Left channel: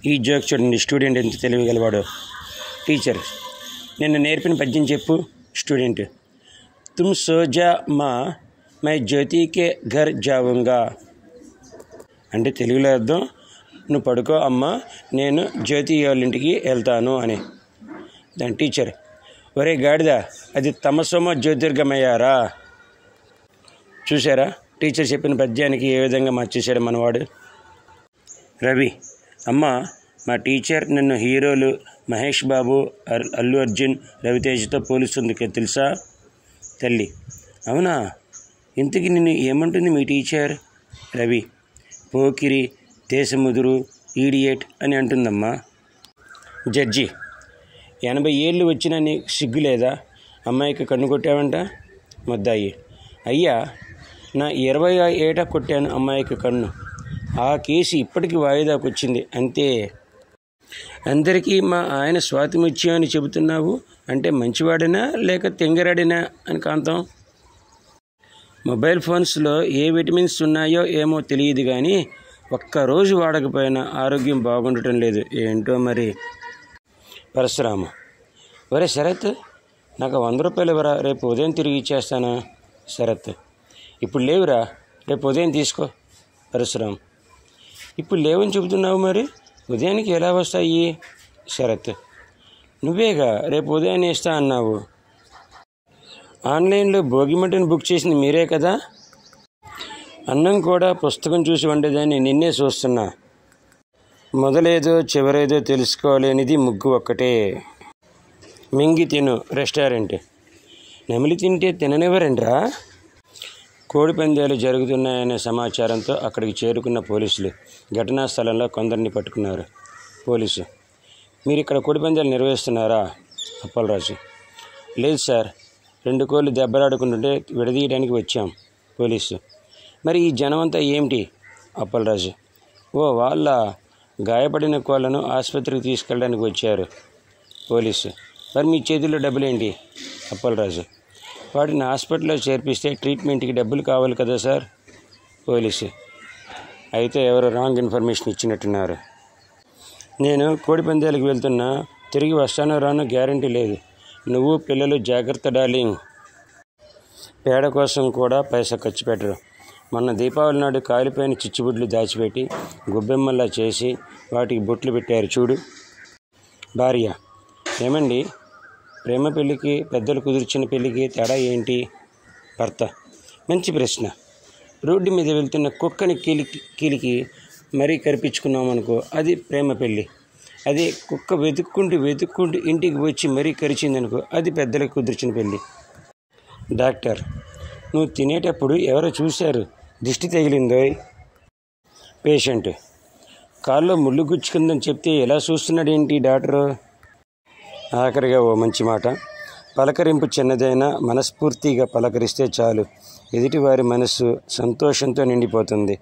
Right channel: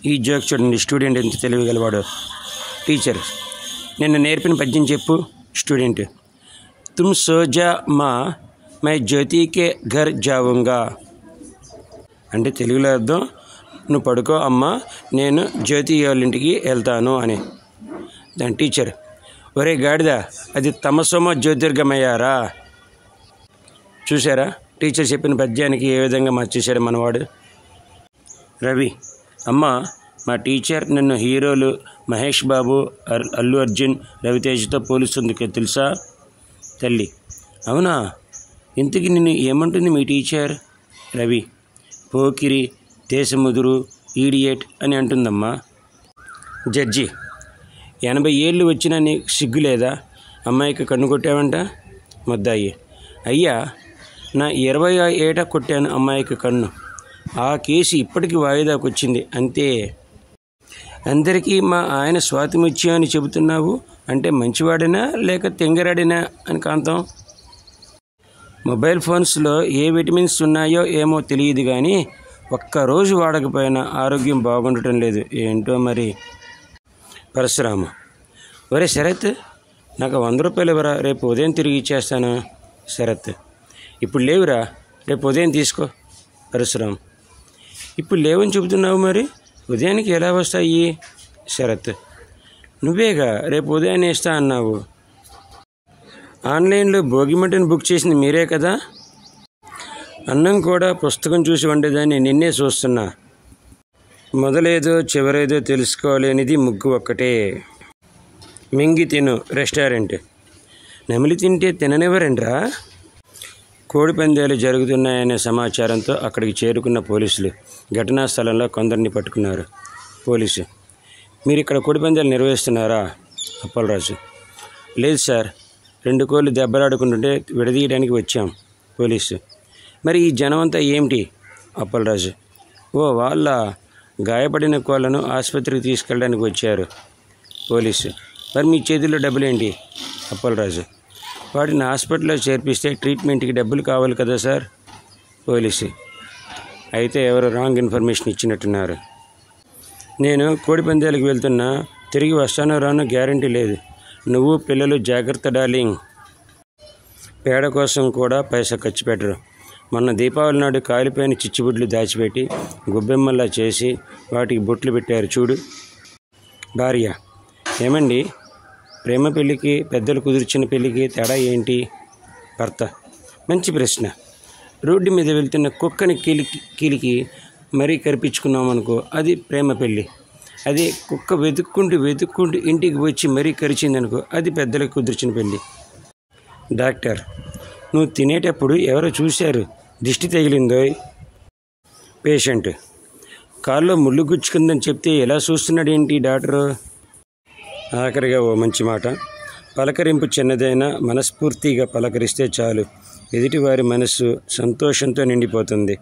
ఈ జోక్ చూడండి, స్టూడెంట్ ఎంత తెలియగలవాడు. టీచర్, నిన్ను నేర్పిన పద్యం చెప్పు. స్టూడెంట్, తుమ్ సోజా మా మై జ్యోతికే ఘర్ జావుంగా. అంటే తెలుగులో అర్థం, నువ్వు పడుకో అమ్మా, నేను జ్యోతి వాళ్ళ ఇంటికి వెళ్తాను అని. దాని టీచర్, ఒరే గాడిద, అది తమసోమ జ్యోతిర్గమయ్యారా. చూసారా టీచర్ చెప్పిన పద్యానికి ఏ విధంగా మార్చేశాడు మనవాడు. రవి, అమ్మ మా టీచర్ నిన్ను హీరోలు మహేష్ బాబు, అల్లు అర్జున్, రవితేజతో పోలుస్తుంది తెలుసా. తల్లి, అవునా, ఇంతకీ నిన్ను ఏమంటుంది మీ టీచర్. రవి, పోకిరి, దేశముదురు, ఈడియట్ అని అంటుందమ్మా. జడ్జి, 80 ఏళ్ళు వచ్చినా నీకు సిగ్గు లేదా, అమ్మాయికి కన్ను కొట్టావంట. ముద్దాయి, అయ్యా నా 20వ ఏట కొట్టాను అమ్మాయికి కన్ను, ఆ కేసు ఇప్పటికి వాయిదాకు వచ్చింది అంతే. అందరికీ మా ఆయన స్వాతిముత్యం అని చెబుతున్నావు అంటే మంచివాడినా లేక తెంగరాడినా అని కాంతం. మొబైల్ ఫోన్స్లో ఏ విటమిన్స్ ఉన్నాయో ఏమో తెలియదు కానీ ఒక్కరోజు వాడకపోయినా ఆరోగ్యం బాగుండటం లేదు, ఏంటో మరి. పరశురామ, ఒరే శరత్, నాకు 100 రూపాయలు ఇవ్వరా, రేపు ఉదయం తిరిగి ఇచ్చేస్తాను. శరత్, ఇప్పుడు లేవురా, రేపు ఉదయం తీసుకో. పరశురామ్, ఇప్పుడు లేవని చెబుతున్నావు, మరి ఉదయానికి ఎలా వస్తాయి. శరత్, నువ్వేగా రేపు ఉదయాన్నే ఇస్తా అన్నావు. ఆన్లైన్లో భోగిమంటను బుక్ చేసింది మీరే కదా. అన్నం కూడా పుస్తకం చూసి వండేదాన్ని నిన్నే చూస్తున్నా. మొదలేదో చివరేదో తెలుసుకోలేనిది ముగ్గు ఒక్కటే. మింగి తిను రెస్టారెంట్. నమిలి తింటే తిననివ్వరండ్రా. కోడి పందాలు జరుగుతున్నాయనే సమాచారంతో అక్కడికి చేరుకున్న పోలీసులు ఘటనా స్థలంలో కొందరిని పట్టుకున్నారు. పోలీసు, మీరు ఇక్కడ కోడి పందాలు నిర్వహిస్తున్నారా. అప్పలరాజు, లేదు సార్, 2 కోళ్ళు దెబ్బలాడుకుంటుంటే విడదీయడానికి వచ్చాం. పోలీసు, మరి ఈ జనమంతా ఏమిటి. అప్పలరాజు, ఓ వాళ్ళ గాయపడిన కోళ్లను ఆసుపత్రికి తీసుకెళ్ళడానికి వచ్చారు. పోలీసు, మరి మీ చేతుల్లో డబ్బులేంటి. అప్పలరాజు, వాటిని హాస్పిటల్లో చేర్పిస్తే ట్రీట్మెంట్కి డబ్బులు కావాలి కదా సార్. పోలీసు, అయితే ఎవరు రాంగ్ ఇన్ఫర్మేషన్ ఇచ్చినట్టున్నారు. నేను కోడి పందాలకు వెళ్తున్నా, తిరిగి వస్తానో రానో గ్యారంటీ లేదు. నువ్వు పిల్లలు జాగ్రత్త డార్లింగ్. పేడ కోసం కూడా పైసా ఖర్చు పెట్టరు. మొన్న దీపావళి నాడు కాలిపోయిన చిచ్చుబుడ్లు దాచిపెట్టి గుబ్బెమ్మల్లా చేసి వాటికి బొట్లు పెట్టారు చూడు. భార్య, ఏమండి, ప్రేమ పెళ్ళికి పెద్దలు కుదిర్చిన పెళ్ళికి తేడా ఏంటి. భర్త, మంచి ప్రశ్న. రోడ్డు మీద వెళ్తున్న కుక్కని కీలికి మరీ కరిపించుకున్నామనుకో, అది ప్రేమ పెళ్ళి. అదే కుక్క వెతుక్కుంటూ ఇంటికి వచ్చి మరీ కరిచిందనుకో, అది పెద్దలకు కుదిర్చిన పెళ్ళి. డాక్టర్, నువ్వు తినేటప్పుడు ఎవరో చూశారు, దిష్టి తగిలిందోయ్. పేషెంట్, కాల్లో ముళ్ళు గుచ్చుకుందని చెప్తే ఎలా చూస్తున్నాడేంటి డాక్టరు. ఆఖరిగా ఓ మంచి మాట. పలకరింపు చిన్నదైనా మనస్ఫూర్తిగా పలకరిస్తే చాలు, ఎదుటివారి మనస్సు సంతోషంతో నిండిపోతుంది.